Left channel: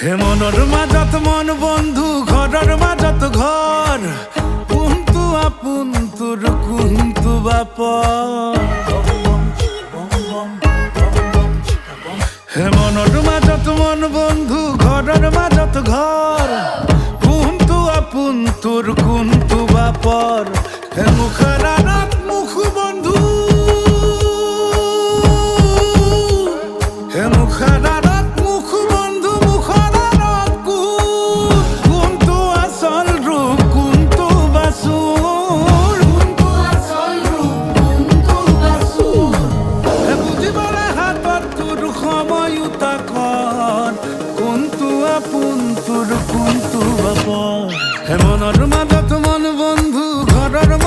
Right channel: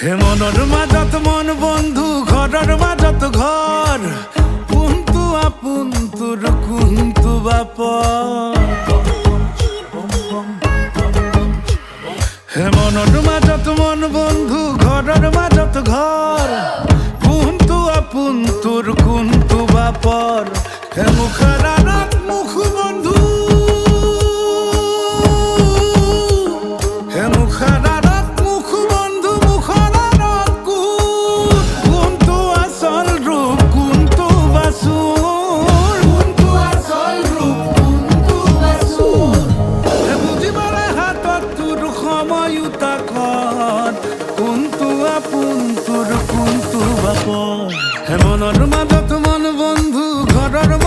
হে মনৰ মাজত মন বন্ধু ঘৰৰ মাজত ঘৰ কোনটো আপোন তোৰ কোনটো বাপৰ হে মনৰ মাজত মন বন্ধু ঘৰৰ মাজত ঘৰ কোনটো আপোন তোৰ কোনটো বাপৰ হে মুখৰ আঁৰত মুখ বন্ধু হে মুখৰ আঁৰত মুখ বন্ধু মুখৰ আঁৰত কোনটো আচল ৰূপ কোনটো বাচুৰ হে বুজিবলে হাতত তোৰ সময়ুতাকত কোনটো আপোন তোৰ কোনটো বাপৰ হে মনৰ মাজত মন বন্ধু ঘৰৰ